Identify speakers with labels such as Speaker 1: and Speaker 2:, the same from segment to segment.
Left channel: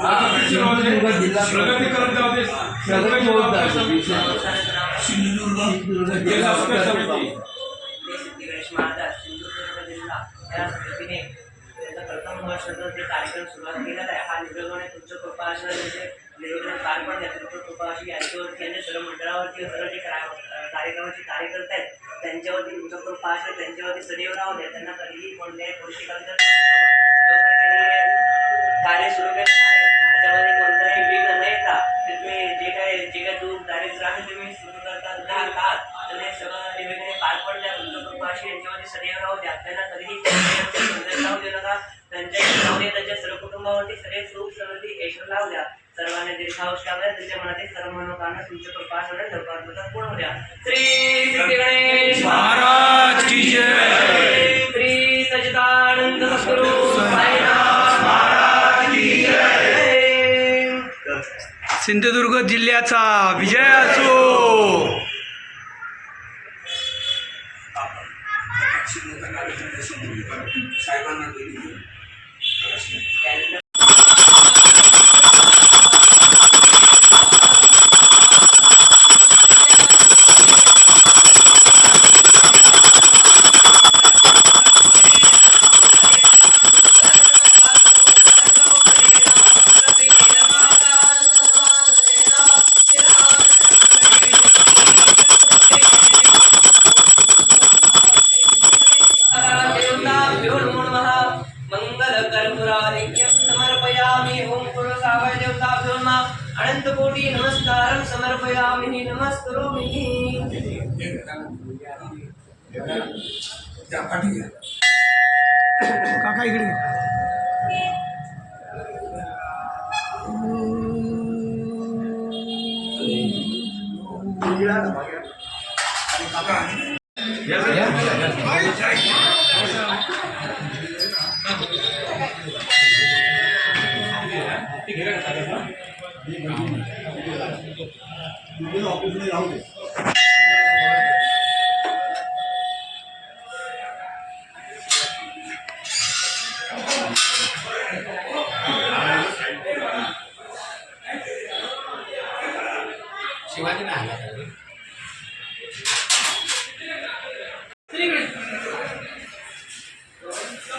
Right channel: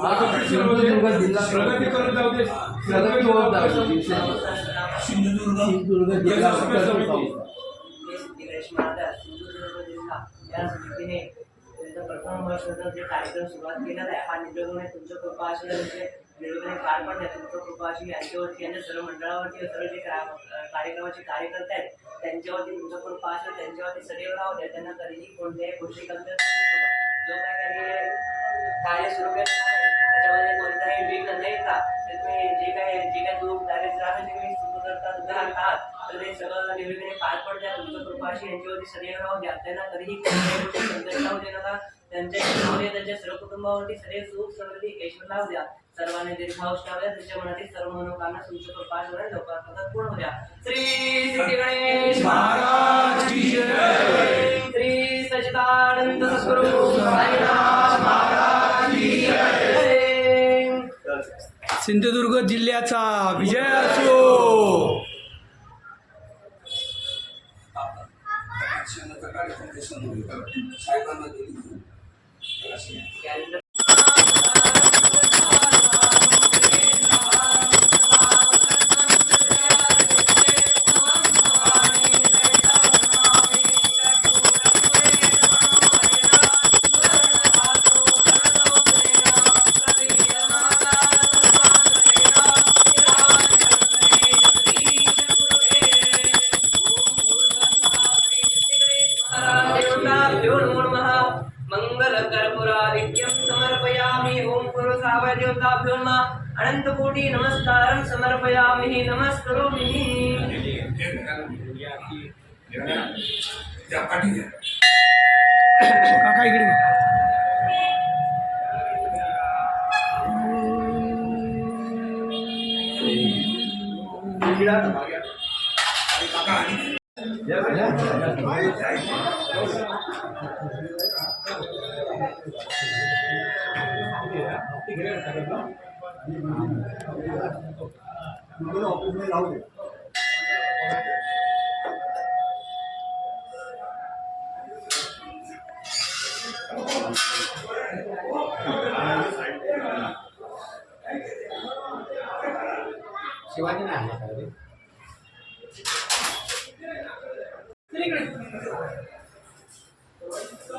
Speaker 1: कार्यक्रम
Speaker 2: सिंधुदुर्ग जिल्हा
Speaker 3: प्रगती
Speaker 1: सिंधुदुर्ग
Speaker 2: सिंधुदुर्ग जिल्हा
Speaker 4: प्रथम वर्षाचा जे कार्यक्रम सुरुवात केलेला आहे हा. निर्योगाने तुमच्या कृपा असणं म्हणजे पार पडल्या तुमच्या कृपा अशी यांच्यावरती आणि सर्व मंडळावरती सर्व जे कार्यक्रमाचे कार्यकर्ते आहेत त्यांच्यावरती तुमच्या कृपा असेल त्यांच्यावरती सदैव राहू द्या त्यांना कधीही कोणत्याही गोष्टी कमी जो काही त्यांनी कार्य सुरू केलेलं आहे त्याच्यामध्ये कोणताही विघ्न न येता ते तुम्ही जे काही जे काही दुःख दारिद्र्य आहे तुम्ही सुरू करतात राहत आहात तर हे सगळं निर्विघ्ने पार पडल्या तुमचं कृपाशी यांच्यावरती सदैव राहू द्या. त्यांना कधीही संदेश राहू दे नका. त्यांच्या राहू द्या त्यांच्या सर्व कुटुंबावरती सदैव सुख समृद्धी ऐश्वर लावू द्या. सर्वांनी दीर्घावश लावल्या त्यांच्या मनातील सर्व मनोकामना तुमच्या कृपाशोने लवकर मदत पूर्ण होऊ द्या. श्री सिद्धी गणेश!
Speaker 2: सिंधुदुर्ग जिल्ह्याचा विजय असो.
Speaker 1: साहेबांना
Speaker 4: मङ्गलकर्पूरादिक्यं समर्पयामि ॐ कुरु सावय देवताभ्यो नमः नमस्कारं समर्पयामि नमस्करोमि
Speaker 1: पाठी घ्या
Speaker 2: काका इकडे.
Speaker 1: काका
Speaker 5: शिवाजी नाही आला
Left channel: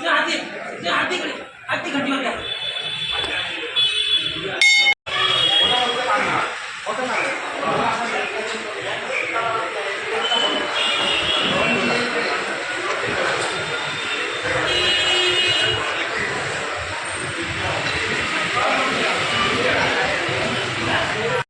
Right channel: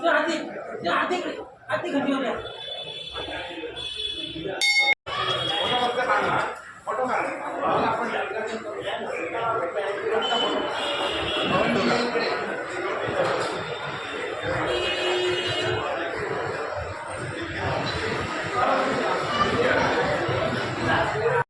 Speaker 4: हाती हाती हाती घंटी